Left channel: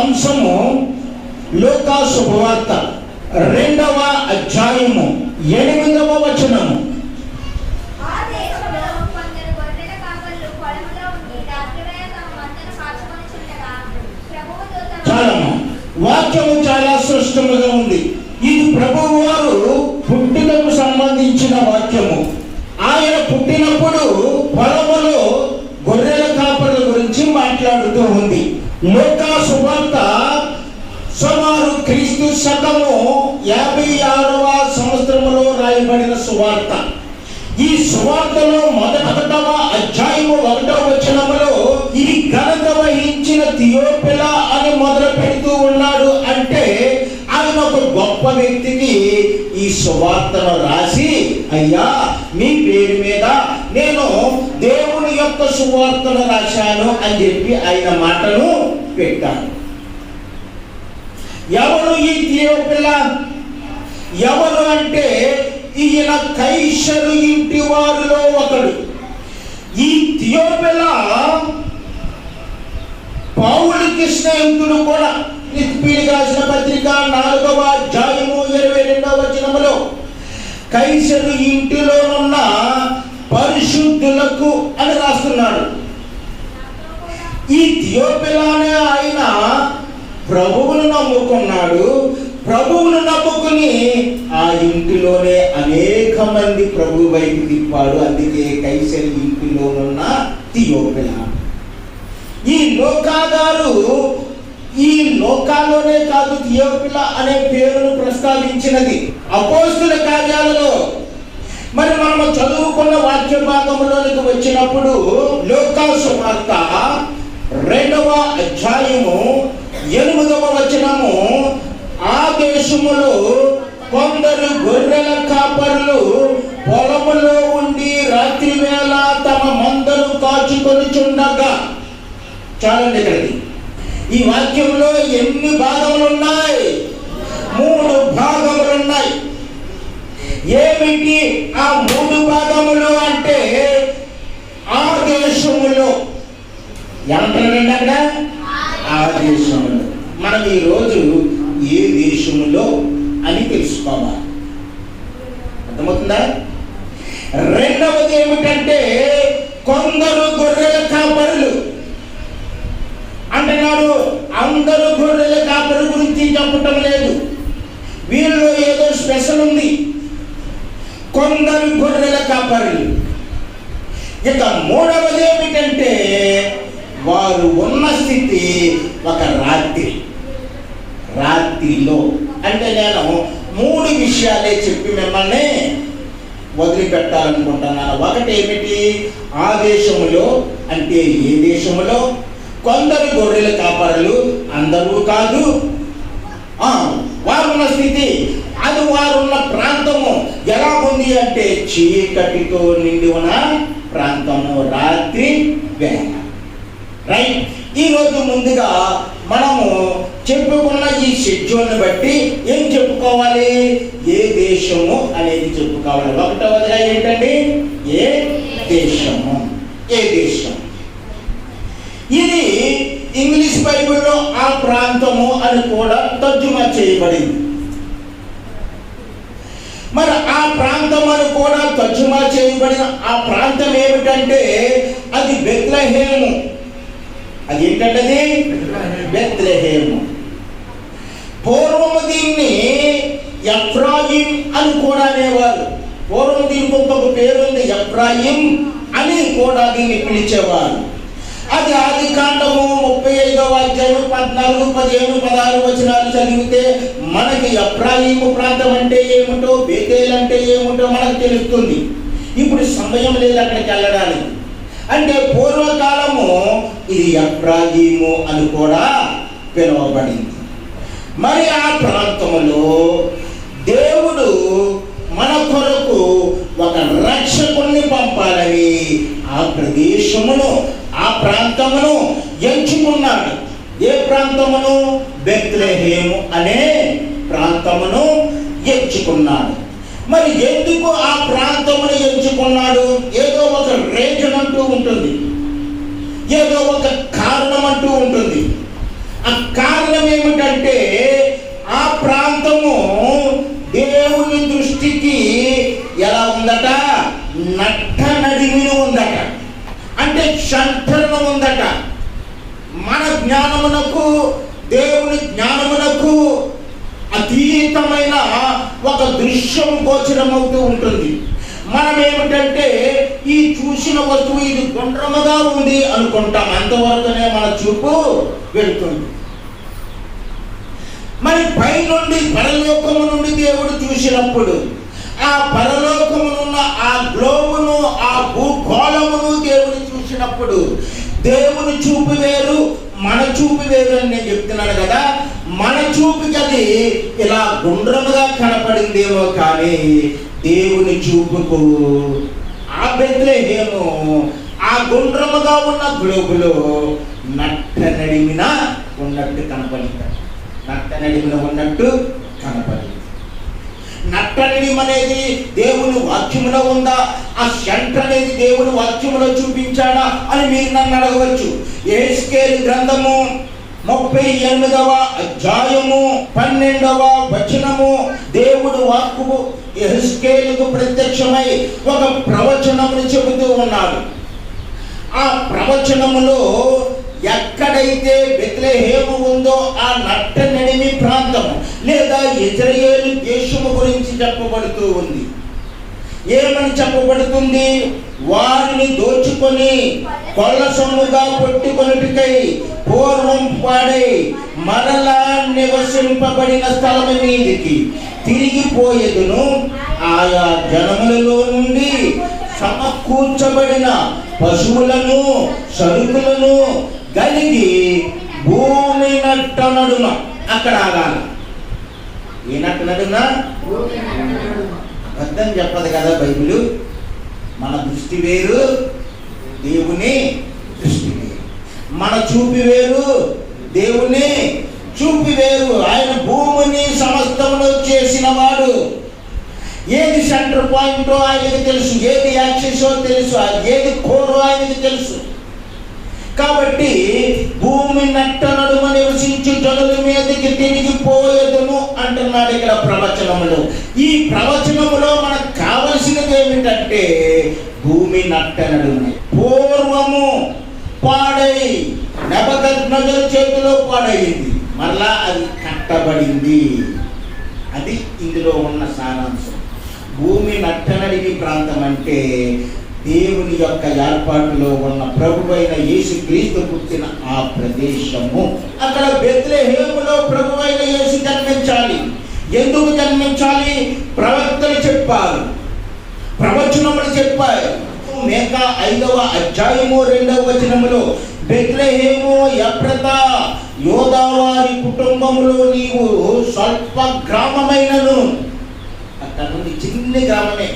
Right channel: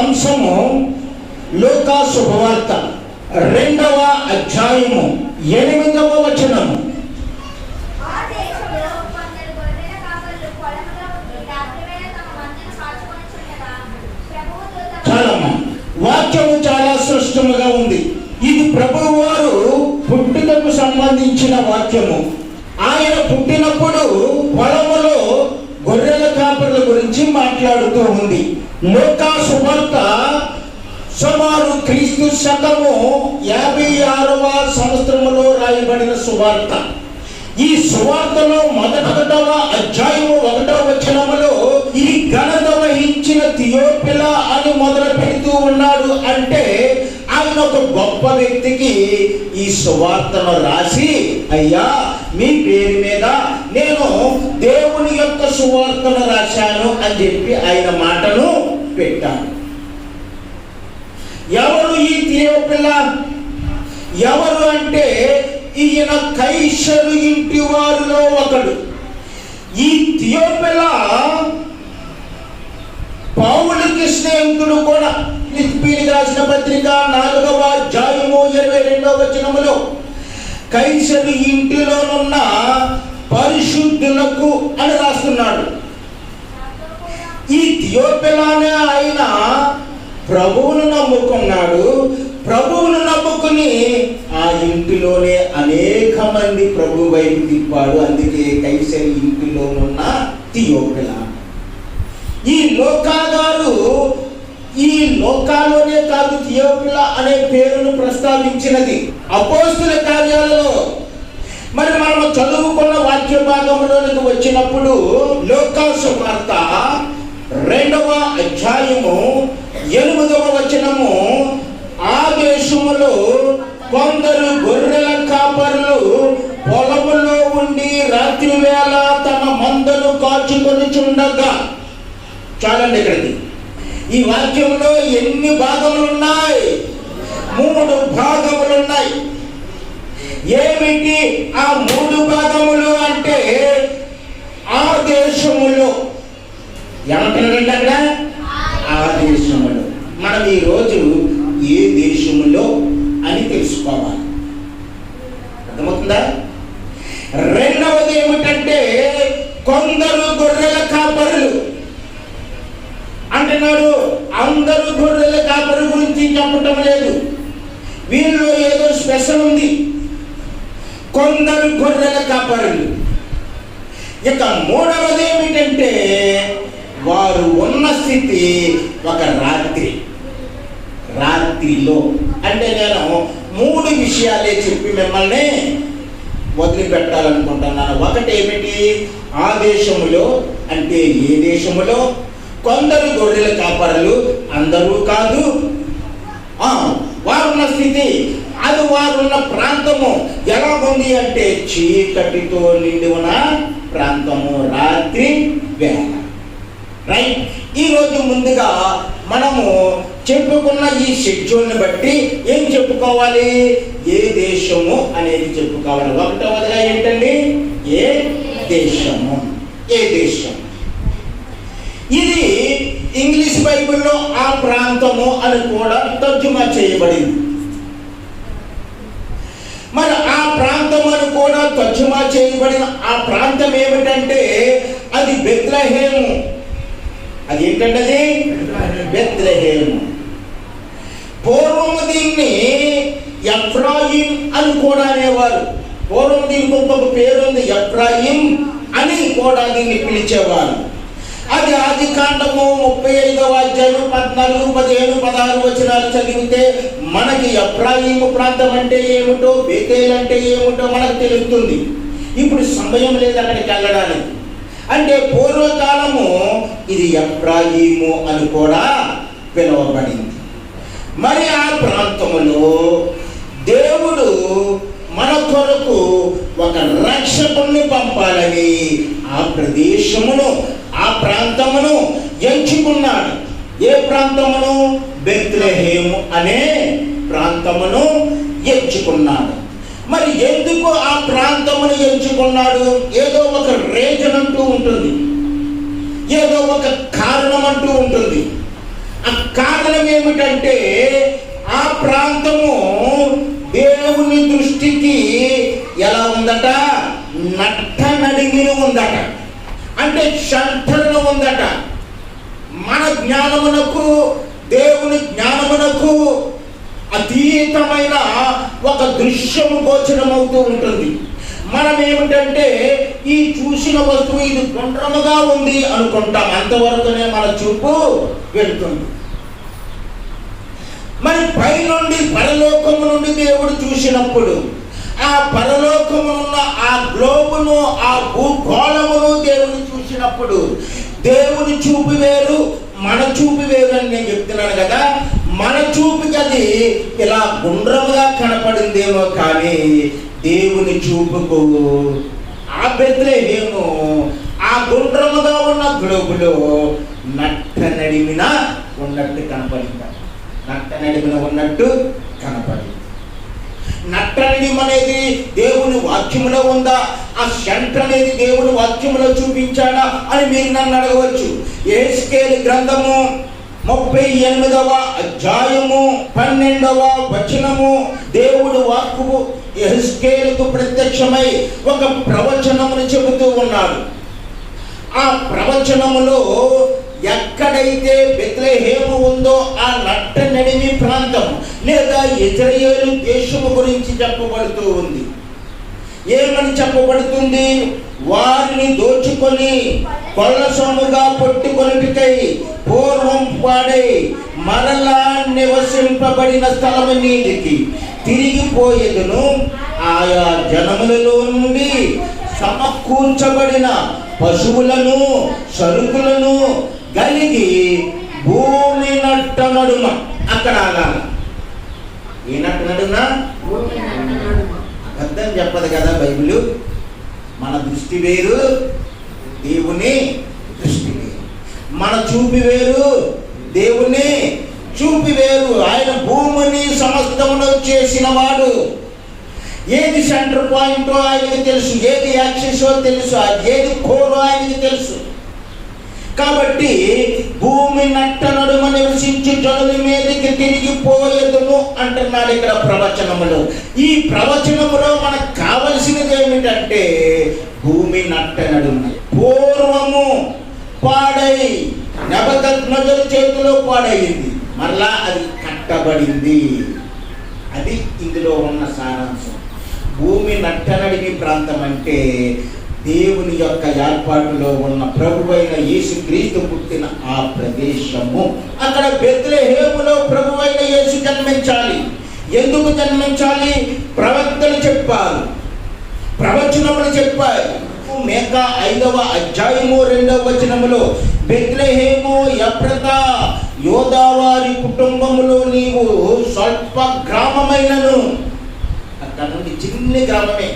అంశము లూకా శుభవార్త 2వ అధ్యాయము 8వ వచనము. చాలమ్మా, వాక్యము చాలా స్పష్టంగా ఉంది. ఇది ప్రభువు వారు పుట్టుకకు సంబంధించిన వాక్యము. ఆయన పుట్టినప్పుడు పొలములో గొర్రెల కాపరుల గురించి మాట్లాడుతూ ఉంది. లూకా సువార్త సుమారు క్రీస్తు శకము 56వ సంవత్సరములో రాయబడిన సువార్త. ఈ సువార్తలో 1వ అధ్యాయము 1వ వచనములో ఈ ఘనత వహించిన థియోపిలా అని మొదలు పెడుతూ ఉన్నాడు. అంటే ఆయన ఒక గొప్ప వ్యక్తికి ఈ సువార్తను రాసి, అయ్యా మీ పేరు మీద నేను దేవుని యొక్క సువార్తను రాశాను అని చెప్పి ఆయన మాటను పెట్టాను. ఎవరు ఈ థియోపిలా? ఎవరు అంటే ఈయన కైసరు ఇంటి వారిలో ఒకడు. ఈ థియోపిలా పౌలుకి స్నేహితుడు కూడా. ఫిలిప్పీయులకు రాసిన పత్రిక 4వ అధ్యాయము 22వ వచనములో కైసరు ఇంటిలోనున్న పరిశుద్ధులకు అని రాస్తున్నాడు. ఈ థియోపిలానే ఆయన ప్రభువును నమ్ముకున్నాడు. ప్రభువును నమ్ముకుని ఆ ఇంటిలోనే అనేక మంది ప్రభు వైపు తిప్పాడు. అందుకే కైసరి ఇంటిలోనున్న థియోపిలా. ఈ లూకా గారు ఈ లోకాల్లోనే కాదు థియోపిలా అనే పేరును ప్రస్తావించినది అపోస్తుల కార్యాలలో. మరి మనము చదువుకున్న వాక్య భాగంలోనికి వచ్చినప్పుడు లూకా సువార్త 2వ అధ్యాయము 8వ వచనము, ఆ దేశములో కొందరు గొర్రెల కాపరులు పొలములో ఉండి రాత్రి వేళ తమ మందను కాచుకొని చుండగా. చాలండి ఇక్కడికి. ఈ వాక్యంలో ఎన్ని భాగములు ఉన్నాయి? 3 భాగములు ఉన్నాయి. ఏమిటి ఆ 3 భాగములు అంటే, ఆ దేశములో ఏమంటున్నారండి అక్కడ? ఆ దేశములో. మనం ఈరోజు ఏ దేశములో అని తెలుసుకోవాలి. అర్థమవుతుందా? రెండవది ఏమిటంటే, కొందరు గొర్రెల కాపరులు అంటున్నాడు. అందరూ గొర్రెల కాపరుల గురించి చెప్పటం లేదు. వీళ్ళు ఏదో స్పెషల్ ఉంది. కొందరు గొర్రెల కాపరులు. ఇక మూడవది ఏమిటంటే, వారు ఉన్న స్థితి ఒక రాత్రిలో. అంటే నేను 3 విషయాలే చెప్పి మిమ్మల్ని వదిలిపెట్టాలనుకుంటున్నాను. ఒకటి ఏమిటి? ఆ దేశములో అంటే ఏ దేశములో? కొందరు గొర్రెల కాపరులు, అందరూ కాదు. వారున్న స్థితి, అది వారున్న ప్రాంతము ఎలా ఉంది అంటే చీకటితో నిండి ఉన్న ప్రాంతము, రాత్రి వేళ. రైట్. ఈరోజు ముందుగా మనము చెప్పుకున్న ఈ షెడ్యూల్ని బట్టి ఏం చెప్పుకోవాలి? ఏ దేశము అనేది చెప్పుకోవాలి. ఒకటవదిగా ఏంటండి? ఏ దేశము. ఏ దేశం. ఇది ఇంగ్లీష్ బైబిల్లో ఆ ప్రాంతము అని కూడా తర్జుమా చేయబడింది. మరి ఆ ప్రాంతం అని కూడా తర్జుమా చేయబడిన ఆ ప్రాంతం ఏమిటంటే అది బెత్లెహేము. అది ఏంటంటే అది బెత్లెహేము. పూర్వము దీన్ని ఎఫ్రాయిం అని కూడా అనేవారు. పూర్వం దీనికి ఇంకొక పేరు ఉంది, ఎఫ్రాయిం అని కూడా దీన్ని పిలిచేవారు. అది ఆదికాండము 35వ అధ్యాయం 14, 15, 16 వచనాలు చదివితే మనకి ఎఫ్రాయిము ప్రాంతం అంటే ఏమిటో, బేతేల్ అంటే ఏమిటో మనకు తెలుస్తుంది. ఇప్పుడు సమయం లేదు అక్కడికి వెళ్ళడానికి. అంటే పూర్వకాలము ఇది ఎఫ్రాయిము అని కూడా పిలువబడింది. మరి ఆ ప్రాంతములో దేవుడు మన కొరకు ఒక రక్షకుణ్ణి పంపాలని ఆ ప్రదేశమును, ఆ ప్రాంతమును ఎంచుకున్నాడు. ఏ ప్రాంతమును? బెత్లెహేము అనే ప్రాంతమును ఎంచుకున్నాడు. మరి ఎందుకు ఆ ప్రాంతమును ఎంచుకున్నాడు? ఏదో ఒక రీజన్ అంటూ ఉంటుంది, ఏదో ఒక కారణం అంటూ ఉంటుంది. ఆ కారణం ఏమిటంటే ఆ ప్రాంతము దేవుని దృష్టికి ఎలా ఉందట? నట్ట నడిమిని ఉందట, అంటే సెంటర్లో ఉందట. మన జ్ఞానమునకు దేవుని జ్ఞానమునకు అతీతమైన ఒక దృశ్యము గోచరమవుతూ ఉంటుంది. మనం ఏమిటంటే ఈ చూసిన వస్తువు ఇది గుండ్రముగా ఉంది అనుకుంటాం, అంతవరకునే మన చూపు వెళ్తుంది. మరి పైనుండి పరలోకము నుండి దేవుడు చూసినప్పుడు ఆ పరలోకమునున్న ఆ గ్లోబును, ఆ భూగోళమును దేవుడు చూసినప్పుడు దేవుని చూపు వేరు, మన చూపు వేరు అని నేను చెప్తున్నాను కదా. మన చూపుకి అది ఇలా గుండ్రముగా కనపడిందేమో, కానీ దేవుని చూపుకు ఆ బెత్లెహేము ఆ గుండ్రముగా ఉన్న గ్లోబులో నట్ట నడిమిన ఉన్నట్టు కనపడింది. నట్ట నడిమిన ఉన్నట్టు కనపడింది. నట్ట నడిమి అనేది దేవుని వాక్యములో ఉందా? ఆ సెంటర్ అనేది దేవుని వాక్యములో చూపించాడా అని మీరు నన్ను అడగవచ్చు. యెహెజ్కేలు గ్రంథము 38వ అధ్యాయము 12వ వచనము, దేవుడు వాక్కు యెహెజ్కేలుకు ప్రత్యక్షమై ఒక ప్రవచనమును చెబుతూ ఉన్నాడు. ఆ ప్రవచనములో ఎక్కడైతే బెత్లెహేము ఉందో ఆ నట్ట నడిమి ప్రాంతం లేదా ఇశ్రాయేలు దేశము గురించి చెప్పబడుతూ ఉంది. ఏమని చెప్పబడుతుంది? వారిని దోచుకొని కొల్ల సొమ్ముగా పట్టుకొనుటకై పూర్వం పాడై మరలా నివసింపబడిన స్థలము మీదికి తిరిగిపోయేదును. ఆయా జనములలో నుండి సమకూర్చబడిన పశువులను సరుకులను కలిగి భూమి నట్ట నడుమ. అక్కడ ఆగాలి. ఏ నట్ట నడుమ? అబద్ధం చెప్పదు కదా బైబిల్. మన దృష్టి వేరు, దేవుని దృష్టి వేరు. మన చూపి వేరు, దేవుని చూపి వేరు. ఆయన భూమిని సమస్తమును చేసిన వాడు. ఏది సెంటర్ పాయింటో ఆయనకి తెలుసు, ఏది యాక్సెసో తెలుసు, ఏది కోరో ఆయనకి తెలుసు. కాబట్టి భూమి నట్ట నడుమ నివసించి జనుల మీదకి తిరిగిపోయేదును అంటున్నాడు ఇక్కడ ప్రవచనములో. ఈ ప్రవచనములో మనకు కావలసినది ఏమిటంటే భూమి నట్ట నడుమ. పూర్వము పాడై నెబుకద్నెజరు చేతిలో పాడైంది, మరలా అది కట్టబడింది. అది ఇందులో ఉన్న సారాంశం. భూమి నట్టనడిమి ప్రాంతం అంటే దేవుని యొక్క ఏర్పాటులో ఉన్న ప్రభువైన యేసుక్రీస్తు పుట్టిన ఆ ప్రదేశము. అక్కడ బెత్లెహేములో ప్రభువైన యేసు జన్మించాలి. ఎందుకు జన్మించాలి? ప్రవక్తలు చెప్పారు, ప్రవచనములు చెప్పారు. మీకా 5వ అధ్యాయము 2వ వచనములో బెత్లెహేము ఎఫ్రాతా యోదావారి కుటుంబములో నీవు స్వల్ప గ్రామమైనను, అక్కడ నుండి చిన్న గ్రామమే,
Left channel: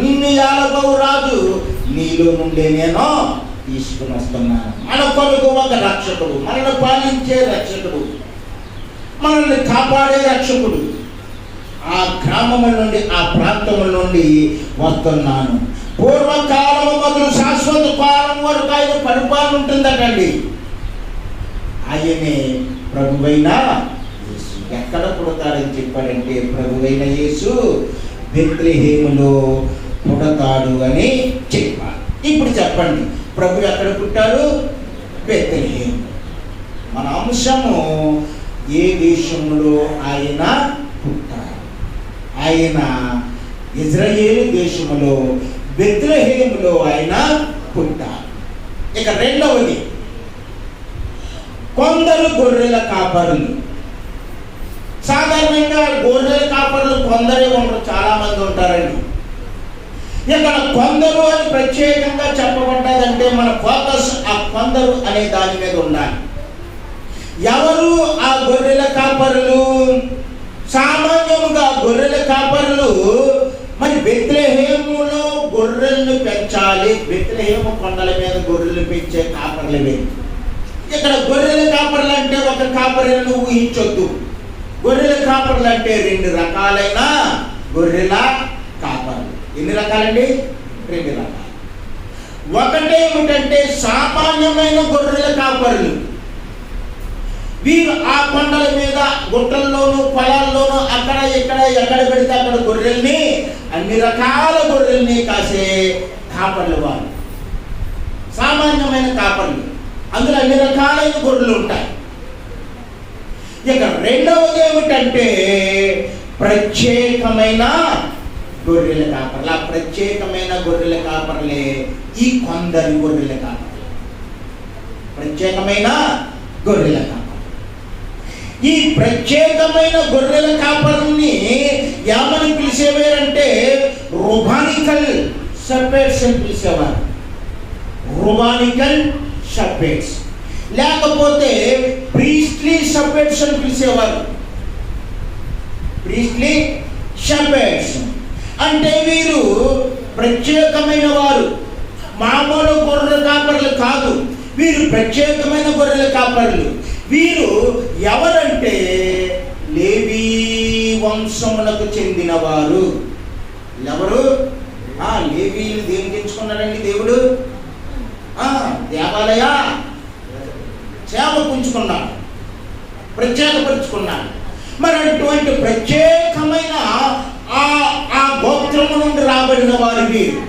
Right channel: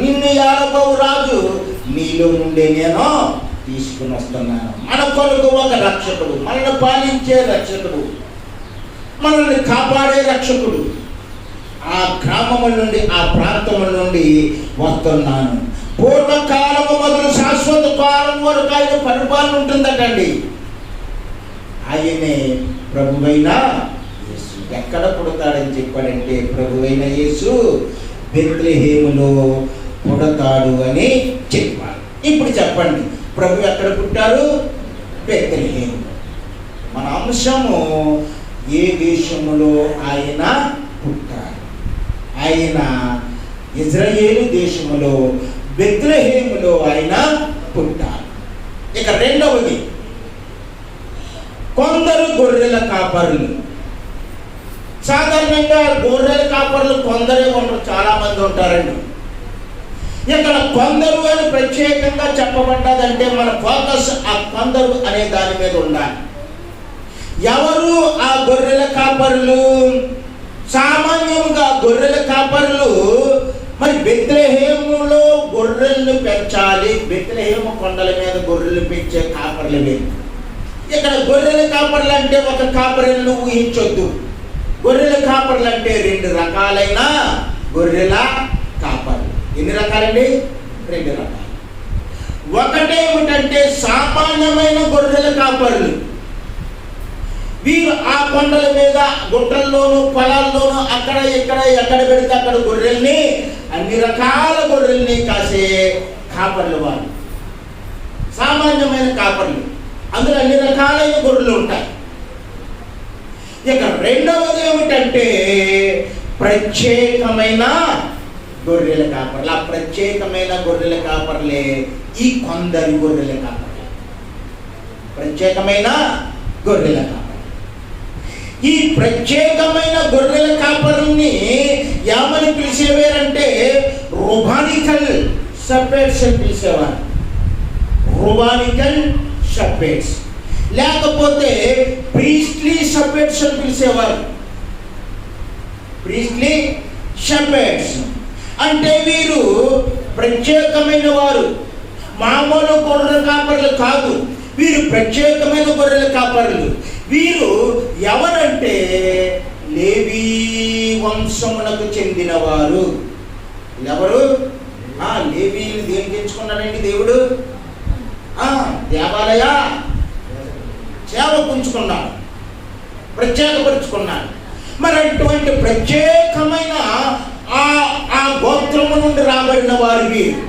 నిన్ను యాలబవు రాజు నీలో నుండే నేను తీసుకుని వస్తున్నాను. మన కొరకు ఒక రక్షకుడు, మనల్ని పాలించే రక్షకుడు, మనల్ని కాపాడే రక్షకుడు ఆ గ్రామముల నుండి, ఆ ప్రాంతముల నుండి వస్తున్నాను. పూర్వకాలము మొదలు శాశ్వత కాలం వరకు ఆయన పరిపాలన ఉంటుందటండి. ఆయనే ప్రభువైన యేసు. ఎక్కడ పుడతాడని చెప్పాడంటే ప్రభువైన యేసు బెత్లెహేములో పుడతాడు అని చెప్పాడు. ఇప్పుడు చెప్పండి, ప్రభు ఎక్కడ పుట్టాడు? బెత్లెహేము. మన అంశము ఏ దేశములో ఆయన పుట్టాడు? ఆయన ఇశ్రాయేలు దేశములో బెత్లెహేములో ఆయన పుట్టాడు. ఇక రెండవది, కొందరు గొర్రెల కాపరులు. సాధారణంగా గొర్రెల కాపరులు కొందరే ఉండరు, చాలా మంది ఉంటారండి. ఇక్కడ కొందరు అని ప్రత్యేకంగా చెప్పబడ్డదంటే మన ఫోకస్ ఆ కొందరు అనే దాని మీద ఉండాలి. ఎవరు ఆ గొర్రెల కాపరులు? సామాన్యంగా గొర్రెల కాపరులు మరి బెత్లెహేములో గొర్రెలను పెంచాలి. బెత్లెహేము కొండల మీద గొర్రెలు పెంచే కాపర్లు లేదు. ఇక్కడ గొర్రెల కాపర్లు అంటే ఒక కాపరిని ఊహించొద్దు. గొర్రెల కాపర్లు అంటే 2 రకాలైన గొర్రెల కాపర్లు. ఎన్ని రకాలండి? 2 రకాలు. ఒకటేమిటంటే సామాన్యమైన గొర్రెల కాపర్లు, వీరు ఆ కొండల మీద, గుట్టల్లోనూ, పొలాల్లోనూ, అక్కడ ఇక్కడ ఎక్కడ పెడితే అక్కడ గొర్రెల్ని, అన్ని రకాల గొర్రెల్ని కాసే కాపర్లు వారు. సామాన్యమైన కాపర్లు, అందులో అన్ని రకాలైన గొర్రెలు ఉంటాయి. ఇక రెండవది ఏమిటంటే ప్రత్యేకమైన గొర్రెల కాపర్లు. ఆ ప్రత్యేకమైన గొర్రెల కాపర్లే ఈ కొందరి గొర్రెల కాపర్లు. ప్రత్యేకమైన గొర్రెల కాపర్లు. ఈ ప్రత్యేకమైన గొర్రెల కాపర్ని ఏమని పిలిచేవారంటే రూబానికల్ షెపర్డ్స్ అని పిలిచేవారు. రూబానికల్ షెపర్డ్స్, లేకపోతే ప్రీస్ట్లీ షెపర్డ్స్ అని పిలిచేవారు. ప్రీస్ట్లీ షెపర్డ్స్ అంటే వీరు ప్రత్యేకమైన వారు, మామూలు గొర్రెల కాపర్లు కాదు. వీరు ప్రత్యేకమైన గొర్రెల కాపర్లు. వీరు ఎవరంటే లేవీ వంశమునకు చెందినవారు. ఎవరు? లేవీని దేనికి ఎంచుకున్నారండి దేవుడు? దేవాలయ సేవకు ఉంచుకున్నాడు, ప్రత్యేకపరుచుకున్నాడు. మరి అటువంటి ప్రత్యేకమైన ఆ గోత్రము నుండి రాబడిన వారు వీరు.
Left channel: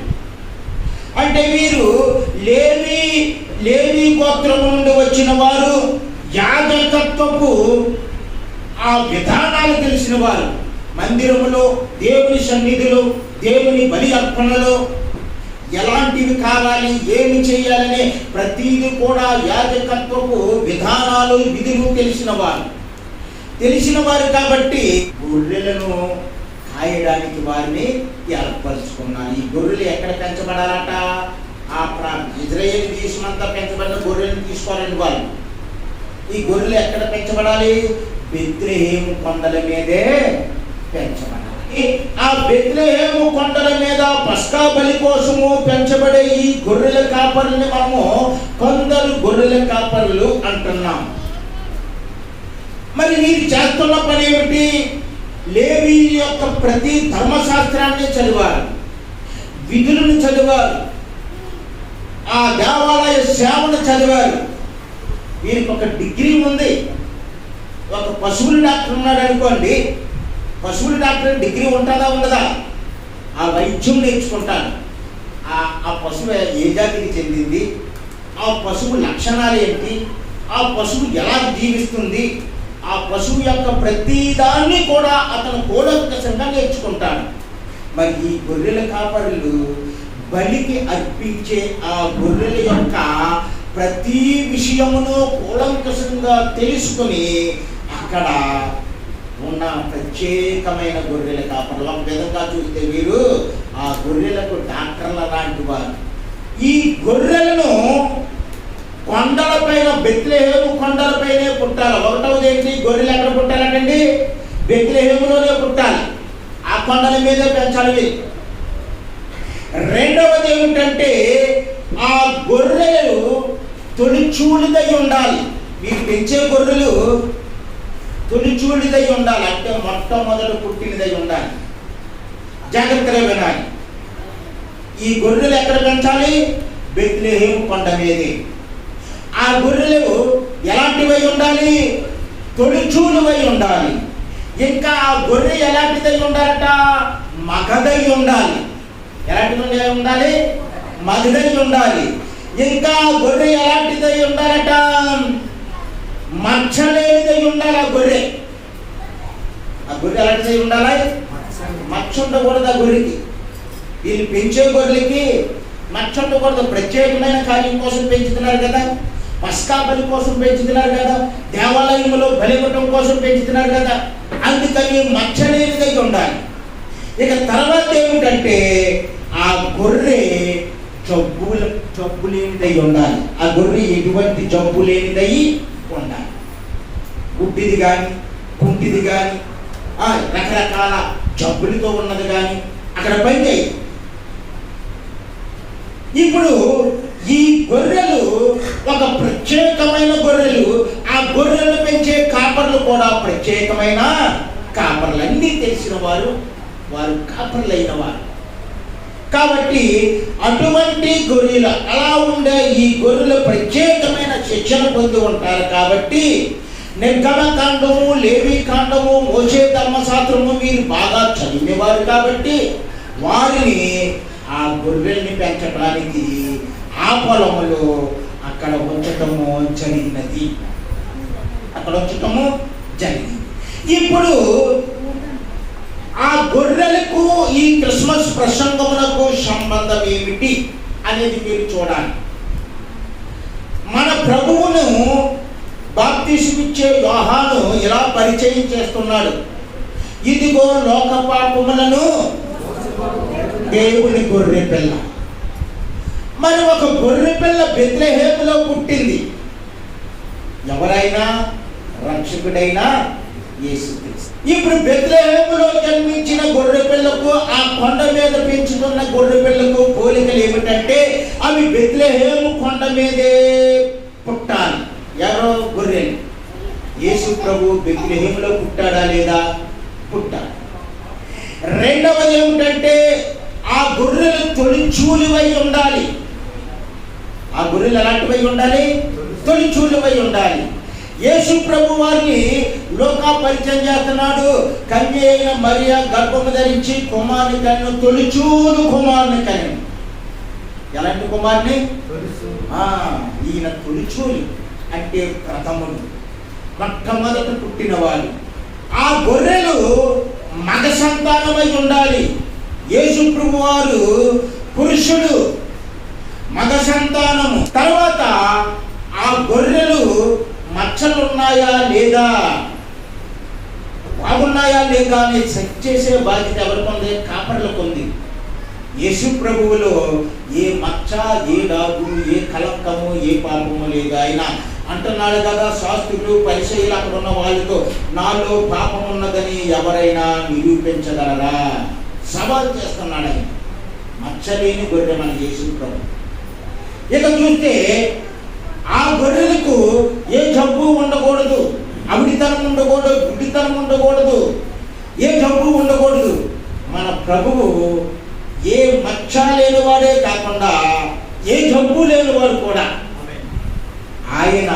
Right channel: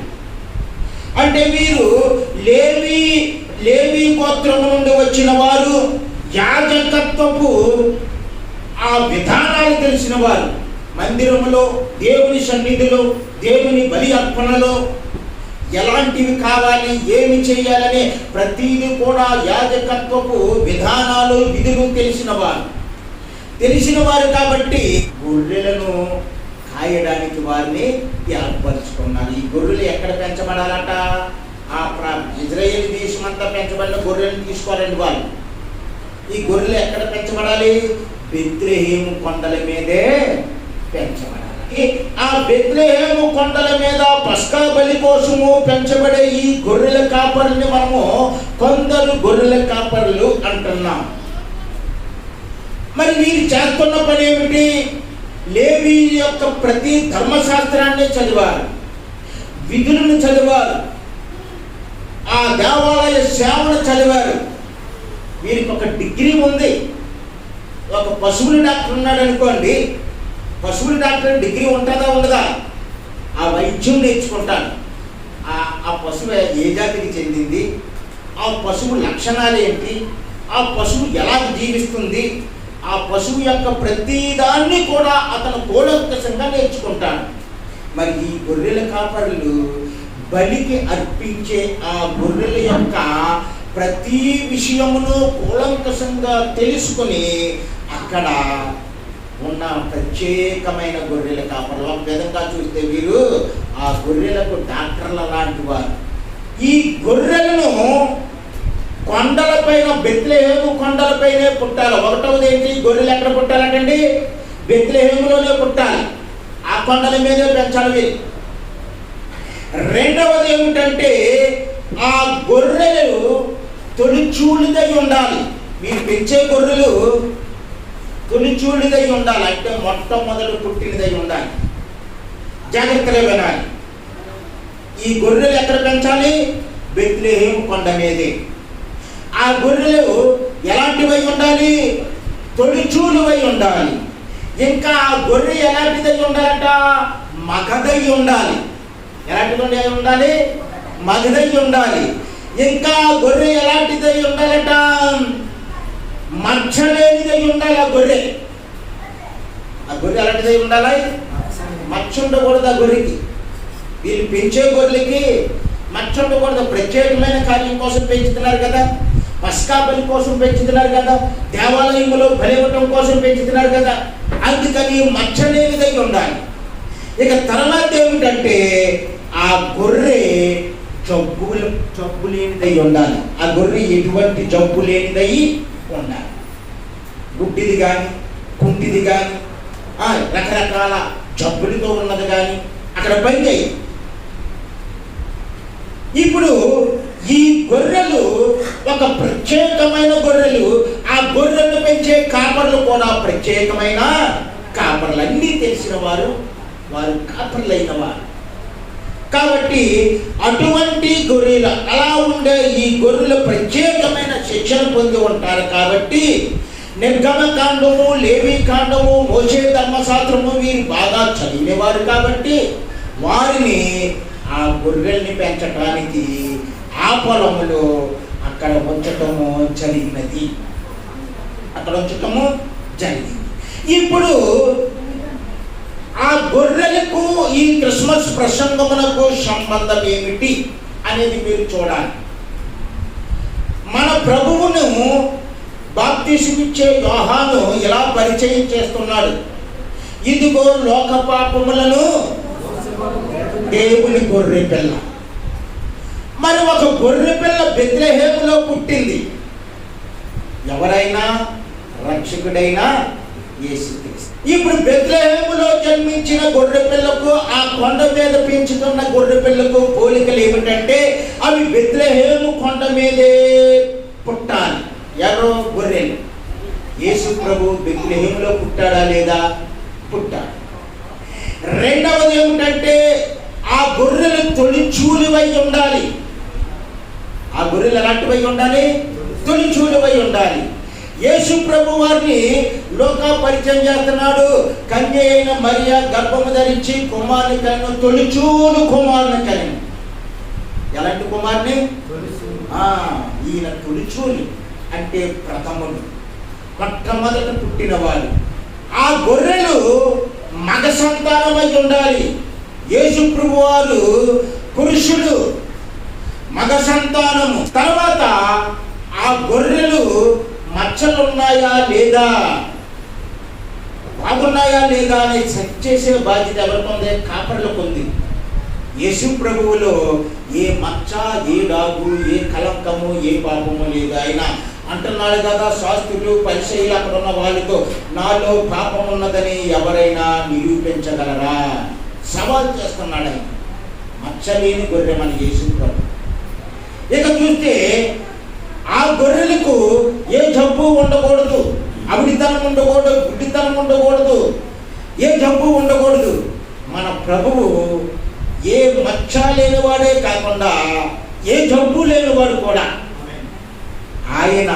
అంటే వీరు లేవీ గోత్రము నుండి వచ్చిన వారు, యాజకత్వపు ఆ విధానాలు తెలిసిన వారు. మందిరములో, దేవుని సన్నిధిలో, దేవుని బలి అర్పణలో ఎలాంటివి కావాలి, ఏమి చేయాలనే ప్రతిదీ కూడా యాజకత్వపు విధానాలు, విధులు తెలిసిన వారు కాబట్టి గొర్రెలను కాయడానికి వారిని ఏర్పరచుకున్నాను. ఈ గొర్రెలు ఎక్కడ పెంచబడాలట? ఇజ్రాయేల్ దేశం అంతా పెంచబడిన గొర్రెలను తీసుకోవాలండి వాళ్ళు. ఈ గొర్రెలు ఎక్కడ పెంచబడాలి? బెత్లెహేము కొండల మీదే పెంచబడాలి. ఆ బెత్లెహేము కొండల మీద పస్కా బలి కోసము పెంచబడే ఈ గొర్రెల కాపరుని మనము కొందరు గొర్రెల కాపరులు అంటున్నాం. మరి వీరు చేస్తున్న పని ఏమిటి? లేవీ యొక్క ప్రతి ధర్మశాస్త్రాన్ని చదివారు, విధులను చదివారు, ఆ దేవాలయ సేవను చదివారు. వీరికి ఒక డిగ్రీ ఉంది. ఒక పశువుల డాక్టర్ ఉన్నాడు అనుకోండి, పశువుల డాక్టర్ డిగ్రీ ఉంటుందా ఉండదా? ఆ వైద్యం నేర్చుకుంటాడు. ఆ పశువు ఏ జాతికి చెందింది, ఆ పశువు లక్షణాలు ఏంటి, ఆ పశువు ఎలా జీవిస్తుంది, ఆ పశువు యొక్క ప్రతిదాన్ని కూడా అతను కూలంకషంగా నేర్చుకుంటాడు. మరి ఈ గొర్రెల కాపరులు బలికి అర్పించే ఆ గొర్రెల యొక్క ప్రతి విషయమును కూలంకషంగా తెలుసుకుని అక్కడ ఉన్న ప్రత్యేకమైన గొర్రెల కాపరులు. ఒక విధంగా చూస్తే వీరు ఆ గొర్రెలకు డాక్టర్ల లాంటి వారు. ఈ గొర్రెలను కొండలపైన, బెత్లెహేము కొండలపైనే పుట్టాలి. ఒకటవది ఏంటి? గొర్రెలు ఎక్కడ పుట్టాలంటండి? బెత్లెహేములోనే పుట్టాలి. ఆ కొండల మీదే పెంచాలి. రెండవది ఏమిటంటే ఆ గొర్రెలు తొలిచూలిదై ఉండాలి. మీరు పెంచే గొర్రెలు తొలిచూలిదై ఉండాలి, అంటే మొట్టమొదటి పుట్టినదై ఉండాలి. జాగ్రత్తగా వినాలి. ఈ గొర్రెలు ఎక్కడ పెంచాలి? బెత్లెహేము కొండ మీదే. ఆ గొర్రెలు ఎలాంటివై ఉండాలి? తొలిచూలువై ఉండాలి. ఇంకా ఆ గొర్రె ఎలాంటిదై ఉండాలట? మగదై ఉండాలి. ఎలాంటిది ఉండాలి? మగదై ఉండాలి. ఇంకా గొర్రె ఎలాంటిదై ఉండాలట? మచ్చలేనిదై ఉండాలి. ఆ గొర్రె ఎలాంటిదై ఉండాలి? మచ్చ ఉండకూడదు ఆ గొర్రెకి. వీళ్ళు పెంచే గొర్రెలకి మచ్చ ఉండకూడదు. ప్రత్యేకమైన కార్యం కోసం పెంచుతున్నారు కదా, పస్కా బలి కోసం పెంచుతున్నారు కదా, దేవాలయంలో బలివ్వటం కోసం పెంచుతున్నారు కదా, అందుకని మచ్చలేనిదై ఉండాలి. ఇక తర్వాత ఏమిటంటే ఆ గొర్రె జబ్బు లేనిదై ఉండాలి. ఆ గొర్రె ఎటువంటి జబ్బు లేనిదై ఉండాలి. గుడ్డిది కానీ, కుంటిది కానీ, రకరకాల జబ్బులతో ఉన్నది కానీ అక్కడ పైకి. ఇప్పుడు ఈ గొర్రెలు ఒక ప్రత్యేకమైన గొర్రెలు. ఆ గొర్రెలు పెంచే కాపర్లు కూడా ప్రత్యేకమైన కాపర్లు. అన్నీ తెలిసిన వారు కాపర్లైన వారు. కాబట్టి అటువంటి గొర్రెలు, అలా ఉండే ఈ గొర్రెలు ప్రత్యేకమైన శిక్షణ పొంది ఉంటారు. కాబట్టి నిర్గమకాండము, లేవి కాండము, మోషే ధర్మశాస్త్రము వీరు బాగా చదివేవారు కాబట్టి వారిని ఆ గొర్రెల్ని పెంచడానికి ఆ పొలములో అక్కడ ఉంచటము జరిగినది. ఇప్పుడు ఆ గొర్రెలకు ఈ క్రిస్మస్ ప్రసంగములకు సంబంధం ఏమిటి అనేది మీరు చూడాలి. మన ప్రభువును బాప్తిసమిచ్చే యోహాను ఇలా పరిచయం చేస్తున్నాడు. ఇదిగో లోక పాపములను దేవుని గొర్రె పిల్ల. మరి ఒక గొర్రె పిల్ల బెత్లెహేములో పుట్టింది. ఎవరైనా రక్షకుడైనా యేసుక్రీస్తు. ఇప్పుడు బెత్లెహేములో జన్మించిన గొర్రె పిల్లకు ఆ కొండ మీద పెంచుతున్న గొర్రె పిల్లకు పోలికలు ఏమిటంటే అవి బెత్లెహేము కొండ మీదే పుట్టాలి. ఎవరో గొర్రెలు. యేసు ప్రభు బెత్లెహేములో పుట్టాడా లేదా? పుట్టాడు. రెండవది ఏమిటంటే ఆ గొర్రెలు తొలిచూలివై ఉండాలి. ఆ గొర్రెలు ఎలాంటివై ఉండాలి? తొలిచూలివై ఉండాలి. యేసు ప్రభు వారిని లోకా పరిచయం చేస్తున్నాడు. కన్య అయిన మరియా గర్భము ధరించి కుమారుని కన్ను, తొలిచూలు కుమారుని కన్ను. ఎలాంటి కుమారుని? ఈయన తొలిచూలి అంటే ప్రథముడు, మొట్టమొదట పుట్టినవాడు. ఆ గొర్రెలు మగ సంతానమై ఉండాలి. యేసు ప్రభు వారు పురుషుడు, మగ సంతానము. తర్వాత ఆ గొర్రెలు మచ్చలున్నాయా లేదా, బాగున్నాయా లేదా అని చెక్ చేసే బాధ్యత ఎవరికి ఉంది? కాపర్లకు ఉంది. యేసు ప్రభువులో ఏ మచ్చ, ఏ డాగు, ఏ కలంకము, ఏ పాపము లేదు. ఆయన అంటున్నాడు కదా, శాస్త్రులు పరిచయులు అక్కడ ఉన్న వాళ్ళతో, నాలో పాపం ఉన్నదని ఎవరైనా నిరూపించగలరా? సవాల్ చేస్తున్నాడు ఆయన. మచ్చలేని గొర్రె మన యేసు ప్రభు. ఇక చూస్తే ఆ గొర్రెలకు ఏ జబ్బు ఉండకూడదు, అవిడితనం ఉండకూడదు, గుడ్డితనం ఉండకూడదు, ఏ జబ్బు ఉండకూడదు. మన ప్రభువు ఏ మచ్చ లేనివాడే కాకుండా ఏ జబ్బు లేనివాడు కూడా. ఆయన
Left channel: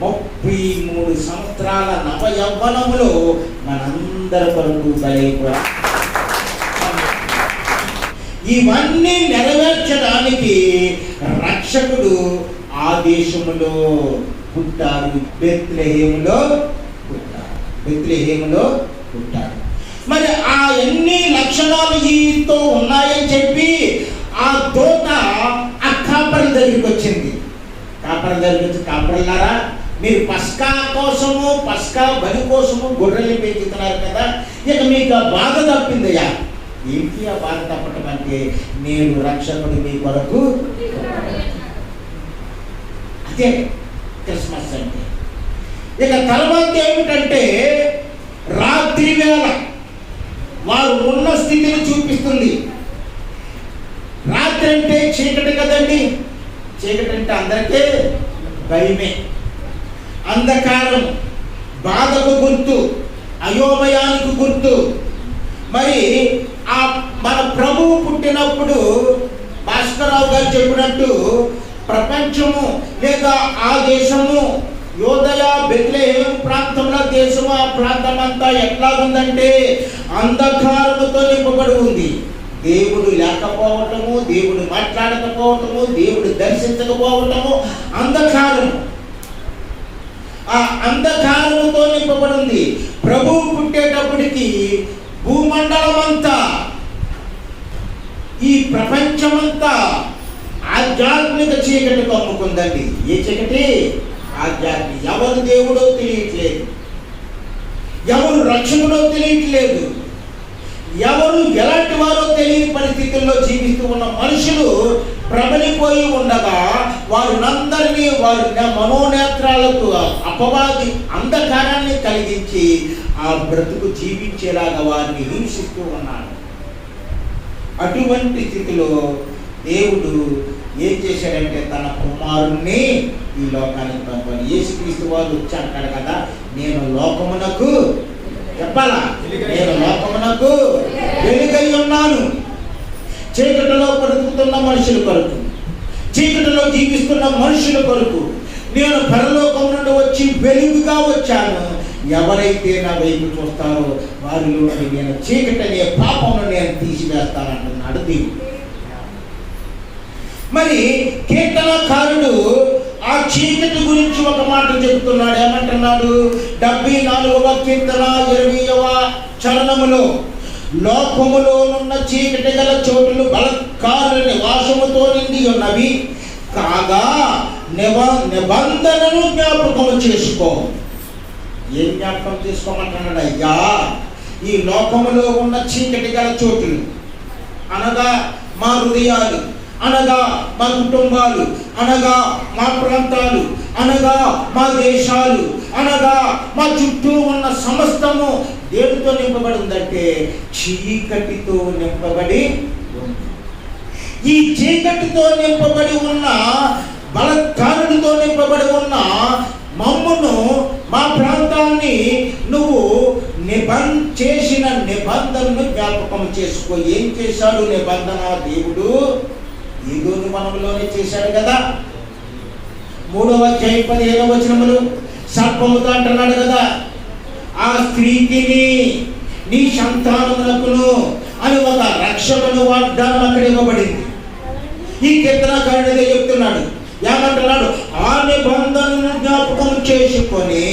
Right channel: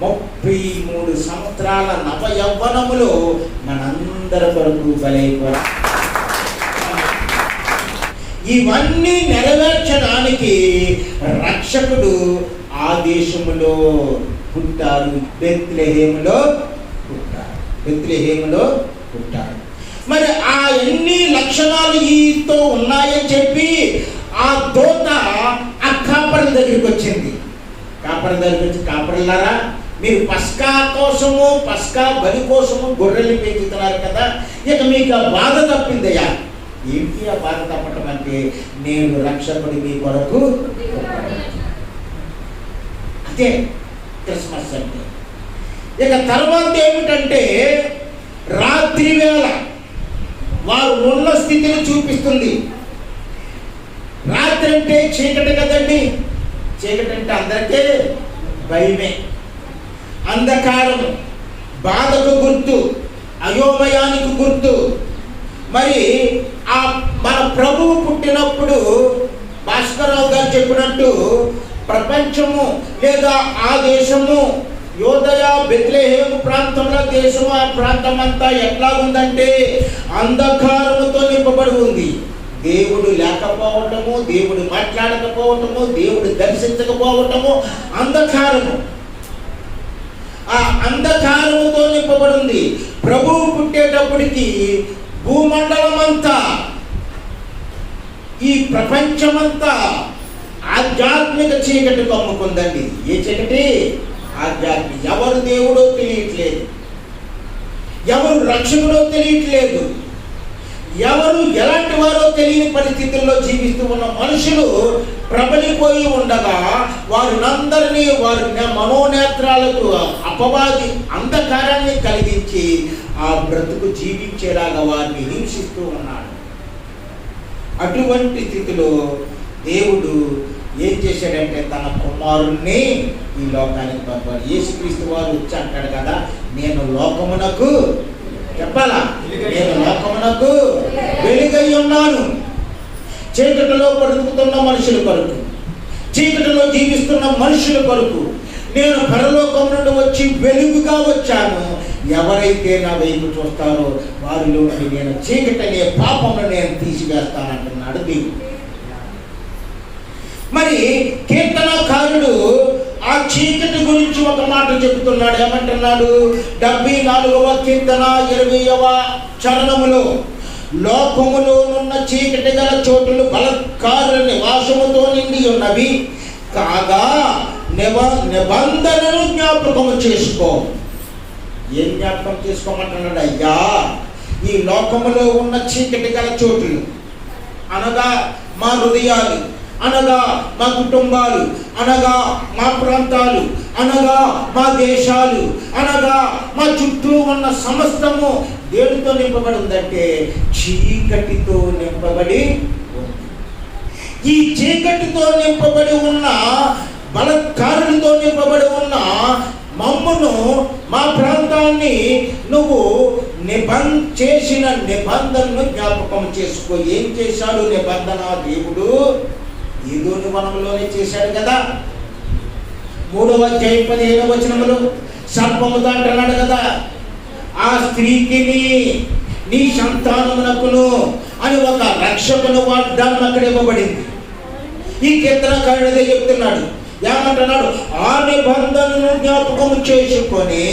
33 సంవత్సరాల నవ యవ్వనములో మనందరి కొరకు బలైపోయా. ఇవన్నీ నెరవేర్చడానికి రక్షకుడు ఆ దేశములో పుట్టారు. బెత్లెహేములో పుట్టారు. మరి ఆ ఎన్ని లక్షణాలు ఈతో ఉన్నాయని చెప్పి ఆ దూత ఆ కాపర్ల దగ్గరికి వచ్చింది. కాపర్ల దగ్గరికి వచ్చి, కాపర్లారా, మీరు పస్కా బలి కోసము గొర్రెలు పెంచుతున్నారు కదా, ఇక మీకు ఆ బాధ తప్పిందయ్యా. ఏంటి ఆ బాధ తప్పటం అంటే, నేను రక్షకుడు మీ కొరకు. అదే క్రిస్మస్ అంటే. ఇక తర్వాత ఏమిటంటే రాత్రి వేళ వారు ఉన్న స్థితిని చూపిస్తుంది. రాత్రి అంటే చీకటి కదండి. చీకటి అంటే అందరికీ భయమే, అంధకారం, బాధకు గుర్తు, అయోమయానికి గుర్తు. మరి ఆ మన ప్రభువు పుట్టినప్పుడు భాస్కరరావు గారు చెప్పినట్టు ప్రపంచము లేదా ఆ దేశము యోదయ బెత్లెహేము ప్రాంతంలో దేశము, ఆ ప్రాంతం అంతా ఎట్లా ఉందంటే అంధకారముతో నింపబడి ఉంది. దేవుడు లేకపోవటము, దేవుడు మాట్లాడకపోవటము, దేవుడు దర్శించకపోవటము, అంధకారము. ఆ అంధకారముతో నింపబడి ఉంది. ప్రభువు పుట్టేటప్పటికి భూమండలం అంతా, ఈ ప్రపంచమంతా ఆధ్యాత్మిక చీకటి కమ్ముకుందండి. ఏ చీకటి? ఆధ్యాత్మిక. ఎవరు దేవుడో తెలియట్లేదు, ఎవరు రక్షకుడో తెలియట్లేదు, ఎవరు ఎలాంటి వారో తెలియని పరిస్థితుల్లో జీవిస్తూ ఉన్న మనుషులు ప్రబలిపోయి ఉండగా వారినందరినీ వారి మనోనేత్రాలకు అపవాది అంధకారాన్ని కలిగించి ఆ బ్రతుకు జీవించేలాగా వారిని హింసిస్తూ ఉన్నాడు. అటువంటి స్థితిలో దేవుడు ఏం చేశాడంటే తన కుమారుణ్ణి ఈ లోకానికి పంపాలి. యేసుక్రీస్తు వారు వచ్చి అంటాడు కదా, నేను లోకమునకు, చెప్పాలా, నేను లోకమునకు వెలుగై ఉన్నాను. చీకటిలో బ్రతుకుతున్న మనుషుల కొరకు, చీకటిలో జీవిస్తున్న మనుషుల కొరకు, నేను పరలోకం నుండి వచ్చి వెలుగుగా వచ్చాను, ఎవరైతే నా వైపు చూస్తారో వారిలో నేను చీకటి అనే పాపంలో నేను తీసివేస్తానంటున్నాడు దేవుడు. మరి కీర్తనకారుడు ఆ చీకటి గురించి ఒక మాట చెబుతున్నాడు. ఏమంటున్నాడు? 74వ కీర్తన 20వ చరణములో, లోకములోనున్న చీకటి గల చోటులు బలత్కారుల నివాసముతో నిండి ఉన్నవి కాగా నిబంధనను జ్ఞాపకము చేసుకో. ఏం జ్ఞాపకం చేసుకోమంటున్నాడు? అయ్యా, ఈ లోకములో ఉన్న చీకటి గల చోటులు అనగా మా హృదయాలు, అనగా మా కుటుంబాలు, అనగా మా ప్రాంతాలు, అనగా మా దేశాలు, అనగా మా చుట్టూ ఉన్న సమస్తము దేనితో నింపబడి ఉందంటే చీకటితో నింపబడి ఉంది. ఈ చీకటితో నింపబడి ఉన్న, బలత్కారులతో నింపబడి ఉన్న మమ్మును, మా ప్రాంతాన్ని నువ్వు చేసిన నిబంధనను జ్ఞాపకం చేసుకో. ఏం చేశాడు నిబంధన దేవుడు? ఏదోని వనంలోనే చేశాడు కదా. 3వ అధ్యాయం 17వ వచనములో సర్పముతో అంటున్నాడు కదా, ఆ స్త్రీకి నీ సంతానమునకును అని ఒక రక్షకుని వాగ్దానం అక్కడ ఇవ్వబడింది. ఈ కీర్తనకారుడే చెప్తున్నాడు. ఏమంటున్నాడు? ఆ నిబంధనను జ్ఞాపకం చేసుకొని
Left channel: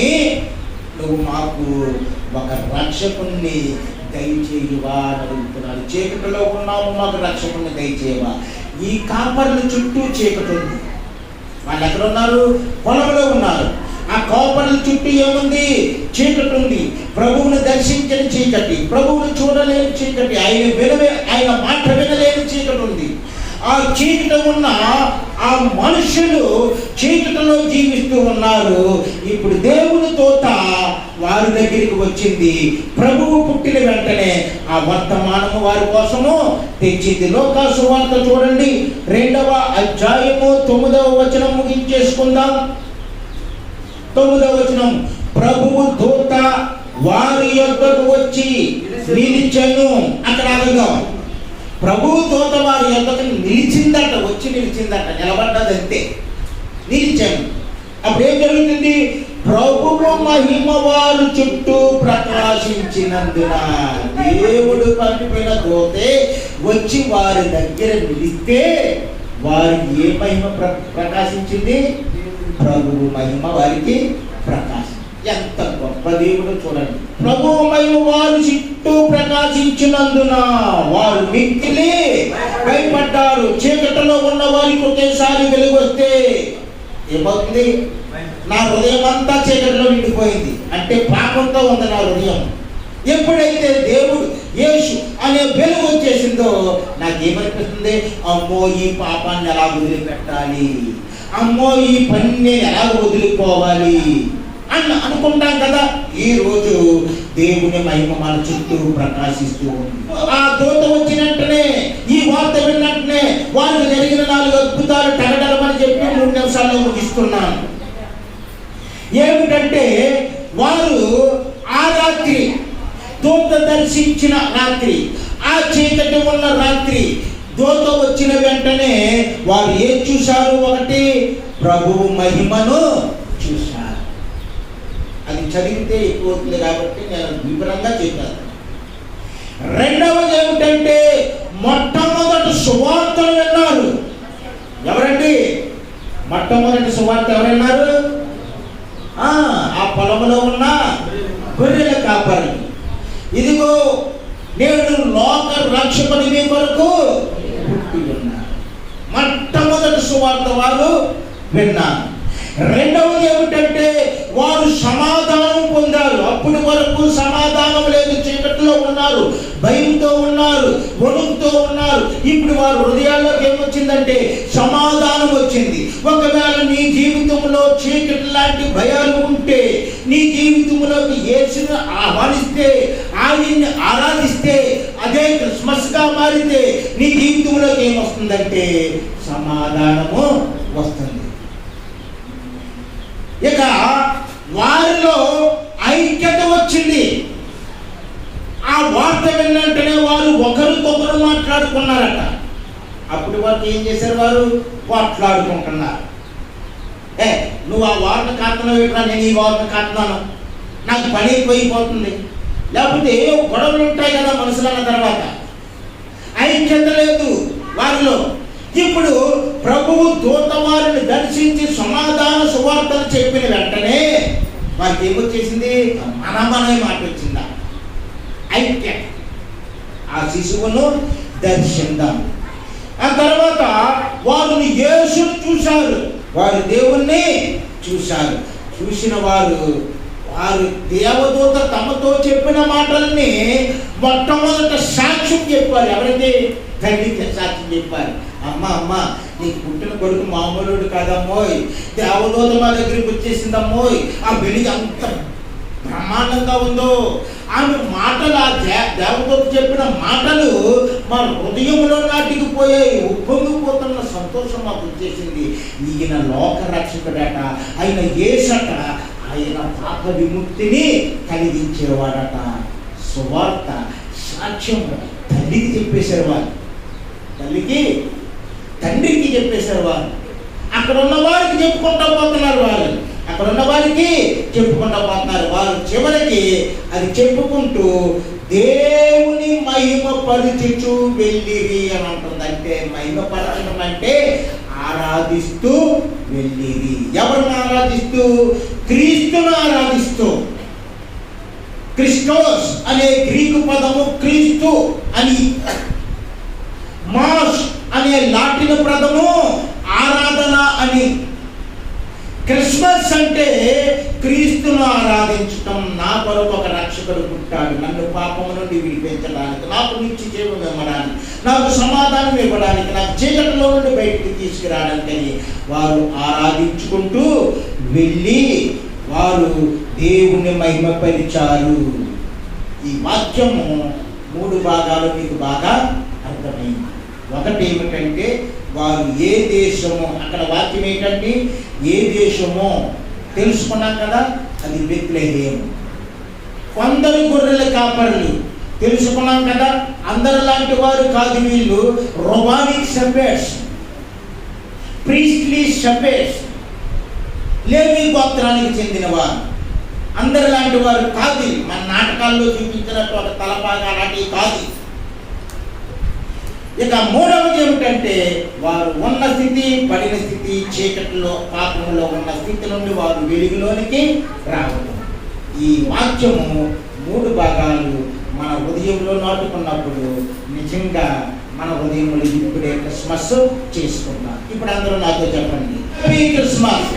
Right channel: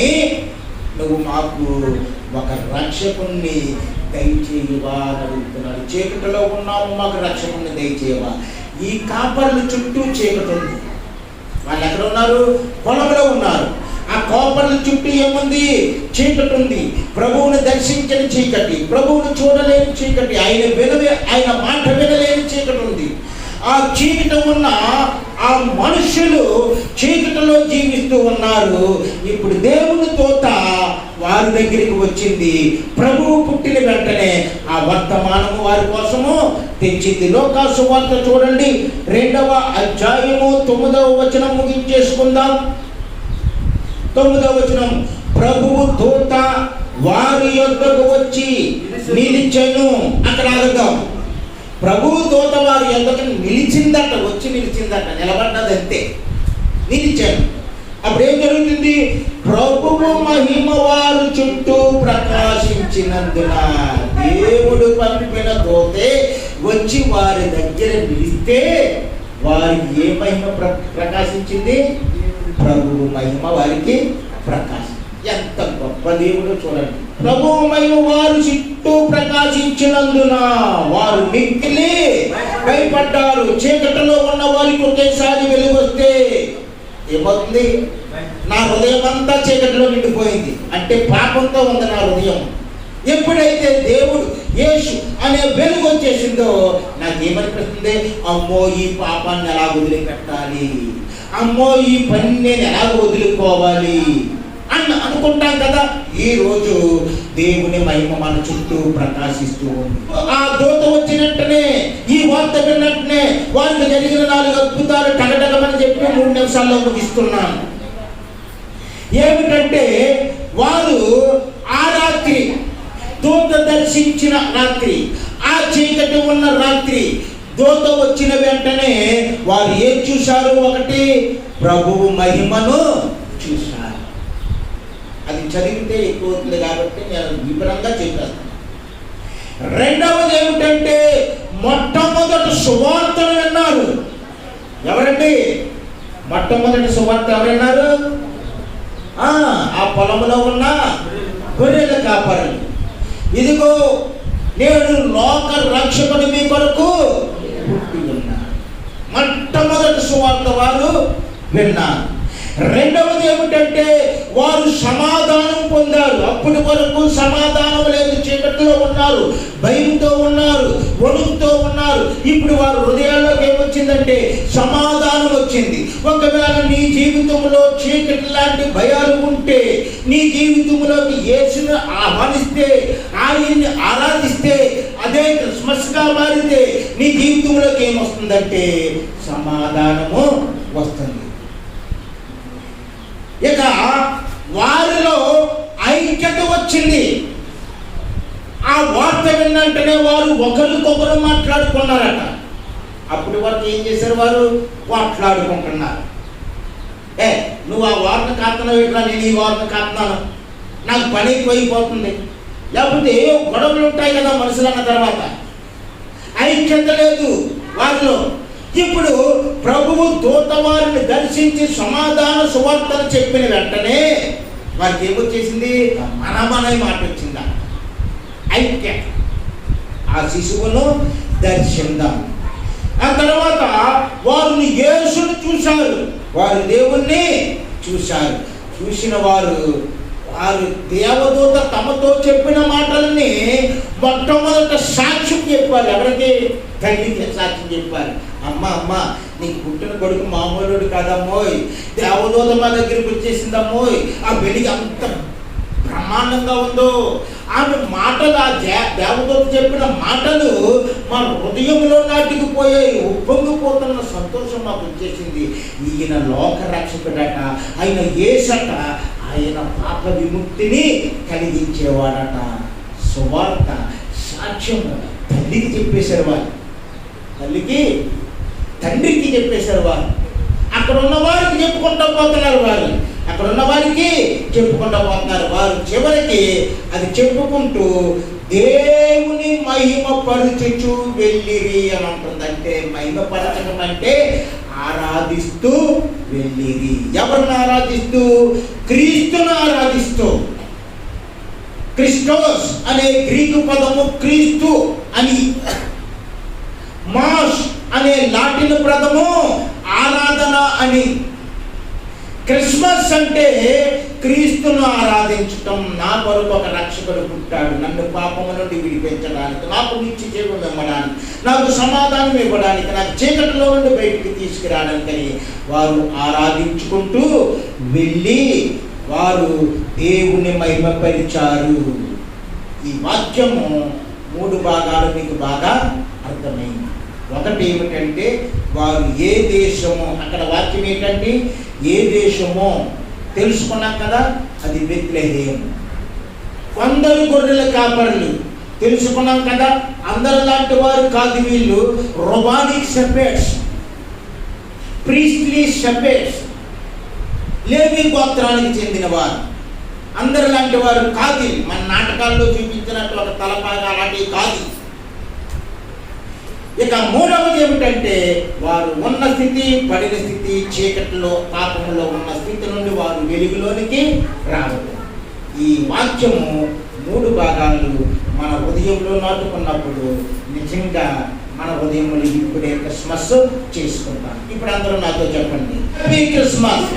నువ్వు మాకు ఒక రక్షకుణ్ణి దయచేయువా అని అడుగుతున్నాడు. చీకటిలో ఉన్నాము, మాకు రక్షకుణ్ణి దయచేయవా. ఈ కాపర్ల చుట్టూ చీకటి ఉంది. వాళ్ళు ఎక్కడ ఉన్నారు? పొలంలో ఉన్నారు. ఆ కాపర్ల చుట్టూ ఏముంది? చీకటి ఉంది. ప్రభువుని దర్శించని చీకటి, ప్రభువుని చూడలేని చీకటి, ఆయన మాట వినలేని చీకటి ఉంది. ఆ చీకటి ఉన్న ఆ మనుషులు చీకటిలో జీవిస్తూ ఉన్నారు. ఇప్పుడు దేవుని తోట వారి దగ్గరికి వచ్చింది. ప్రభువు పుట్టిన వెంటనే ఆ వర్తమానము వారి కోసము తెచ్చింది. లోకాసు సువార్త చూడండి, 2వ అధ్యాయము 9వ వచనం ముగించేసుకుందాం. 9వ వచనం, ప్రభువు దూత వారి యొద్దకు వచ్చి నిలిచెను. అక్కడ ఆగగా ప్రభు దూత వారి యొద్దకు నిలిచిందట, వచ్చి నిలిచిందట, నిలబడ్డదంతే, నిలిచాను. అప్పుడు ఏం జరుగుతుంది? ప్రభువు మహిమ వారు చుట్టూ ప్రకాశించినందున దేవుడు పంపిన దూతే వచ్చి వారి దగ్గర నిలిస్తే వారి ఏ మహిమ ప్రకాశించింది? ప్రభువు మహిమ వారికి ప్రకాశం. ఎంత గొప్ప దేవుడు చూడండి. ప్రభువు మహిమ వారు చుట్టూ ప్రకాశించినందున వారు మిక్కిలి భయపడ్డారు. చీకటిలో ఉన్న వారికి ఒకేసారి వెలుగొస్తే ఏమవుతుంది? నా హృదయం అంతా చీకటిలో నిండిపోయింది. అంటే పాపంతో ఉంది నా హృదయం. ఎప్పుడైతే దేవుడు యేసు అనే వెలుగు వచ్చేసిందో నాకేమనిపిస్తుంది? అమ్మో, ఈ పాపాన్ని ఎలా వదిలిపెట్టాలి, అమ్మో ఈ పని నేను ఎలా వదులుకోవాలి అనుకుంటాం కదా. ఈ రోజు దేవుని మహిమ మన చుట్టూ ప్రకాశిస్తూ ఉంది. ఆ దూత వచ్చినట్టునే, ఈ వార్త విన్నట్టునే వారికి జరిగిన 4 అద్భుతాలు టగటగమని చెప్పి 3 నిమిషాల్లో ముగిస్తున్నాను. ఏమిటంటే వారు ఆ రాత్రి, దూత దర్శించిన రాత్రి, ఆ చీకటి ఉన్న రాత్రి, దూత వచ్చిన వెంటనే వారు ఏం చూశారు? ఒకటి, ప్రభువు మహిమను చూశారు. అది చదివితే ఎక్కువ అవుతుంది కాబట్టి నేను వివరంగా చెప్పాను. రెండవది ఏమిటంటే మొట్టమొదటి సువార్తలు విన్నారు. ఎవరండి మొట్టమొదటి సువార్త? ఎవరన్నారు? ఆ పొలంలో ఉన్న గొర్రెల కాపరులు. ఇదిగో నేను లోక రక్షకుని మీ కొరకు పుట్టి ఉన్నాను. మొట్టమొదటి సువార్త వారు విన్నారు. రెండవది ఏమిటంటే వారు సమాధానం పొందారు. అప్పటి వరకు సమాధానం లేదు, చీకటిలో ఉన్నారు, భయంతో ఉన్నారు, వణుకుతో ఉన్నారు. ఇప్పుడు వారి హృదయాల్లోకి ఏమొచ్చిందంటే సమాధానం వచ్చింది. ఒకవేళ నీ జీవితంలో చీకటి లాంటి భయాలు ఉంటే, నీ జీవితంలోకి యేసును ఆహ్వానిస్తే, ఆయన్ని ఆరాధిస్తే, అదే క్రిస్మస్గా మారితే నీ జీవితంలోకి ఏమొస్తుందంటే సమాధానము వస్తుంది. ఇక వారిలో ఐక్యత వచ్చింది. ఆ వార్త విన్నంటనే వారు ఒకరికొకరు మాట్లాడుకున్నారట. అప్పుడు వరకు ఏం చేశారు? వారు మాట్లాడుకుంటున్నారు. నువ్వు ఆ వార్త కాస్తున్నావు ఇట్లా, నేను ఈ వార్త కాస్తున్నాను, నాకు పని ఎక్కువైపోతుంది. లేకపోతే గొడవలు ఉంటాయి కదా మనుషులు అన్న తర్వాత, ఐక్యత లేదు వారిలో. ఇప్పుడు ప్రభువు దూత వారిని దర్శించి సమాధాన సువార్తలు చెప్పిన వెంటనే వారికి ఏమొచ్చేసింది? మనమనే మాట వచ్చిందా? ఐక్యత. ఆ శిశువును దర్శిందాం. ఆ తర్వాత వారు యేసును చూశారు, వారు దేవుణ్ణి చూశారు. చూసిన వారు దేవదూత తమతో చెప్పిన మాటలన్నీ మొట్టమొదట సాక్ష్యం చెప్పారు. ఎవరికి? తల్లికి సాక్ష్యం చెప్పారు. అమ్మ నీ పుట్టిన కొడుకు మామూలుడు కాదమ్మోయ్, దేవదూత మా దగ్గరికి వచ్చేసిందమ్మోయ్, ఆ వెలిగి అంత బ్రహ్మాండంగా ఉందో. ఆమె మాటలు, ఆ దేవదూత చెప్పిన మాటలు మన హృదయంలో నాటికిపోయాయి. ఉప్పొంగిపోతున్న సంతోషం మాకు వచ్చేసింది. ఈయన లోక రక్షకుడట, ఆయన యేసట, ఆయన పాప విముక్తిని కలిగించేవాడట. సువార్త సాక్ష్యము తల్లికి చెప్పేశారు వారు, తండ్రికి చెప్పేశారు వారు. అక్కడ ఉన్న వారికి చెప్పుకుంటా పోతున్నారు వారు, అక్కడ ఉన్న వారికి చెప్పుకుంటా పోతున్నారు వారు. చివరికి అది చెప్పుకుంటూ దేవుని మహిమపరచుచు వెళ్ళిరి అని అంటుంది. అంటే మహిమపరచడం అంటే ఆరాధిస్తూ వెళ్ళిరి. ఎవరిని ఆరాధిస్తూ? క్రీస్తును ఆరాధిస్తూ. క్రిస్టోస్ అనే గ్రీకు పదము క్రీస్తు అని, మాస్ అనే లాటిన్ పదము ఆరాధన అని. క్రిస్మస్ అంటే క్రీస్తును ఆరాధించటం. నా కొరకు ఒక రక్షకుడు పుట్టాడు, నన్ను పాపము నుండి విడిపించడానికి, నాకు నిత్య జీవం ఇవ్వడానికి, నాకు సమాధానం ఇవ్వడానికి, నాకు చీకటిలో నుండి బయటికి తీసుకురావడానికి వారు ఆరాధించుకుంటూ వెళ్ళి వారు దేవుణ్ణి మహిమపరిచారు. ఈ వాక్యము 3 భాగాలు మీకు బాగా అర్థమైంది. ఒకటి ఏమిటంటే వారు ఏ దేశము, అక్కడ వాక్యం ఏంటంటే ఏ దేశమో తెలుసుకున్నాం కదా, అది బెత్లెహేం. కొందరు గొర్రెల కాపరులు తెలుసుకున్నాం కదా, అందరు లాంటి వారు కాదు వీళ్ళు. రొబానిక్ షెపర్డ్స్, ప్రీస్ట్లీ షెపర్డ్స్, లేవి గోత్రానికి చెందిన వారు. అందరు లాంటి వారు కాదు. మన నాటకాల్లో చూపించినట్టు ఒక తలపాగా అలాంటివి కాదు. ఇక మూడవది ఏమిటంటే వారు ఉన్న స్థితి, పడిన స్థితి, చీకటిలో పాపంలో ఉన్న స్థితి నుండి వారు వెలుగులోనికి రావడం. ఈ వాక్యము 3 భాగాలు మన హృదయంలో నాటుకున్నప్పుడు నిజంగా మన హృదయంలో ఇప్పుడే క్రిస్మస్ చేసుకుంటాం. ఇప్పుడు అందరూ నాతో చెప్పండి, హ్యాపీ క్రిస్మస్.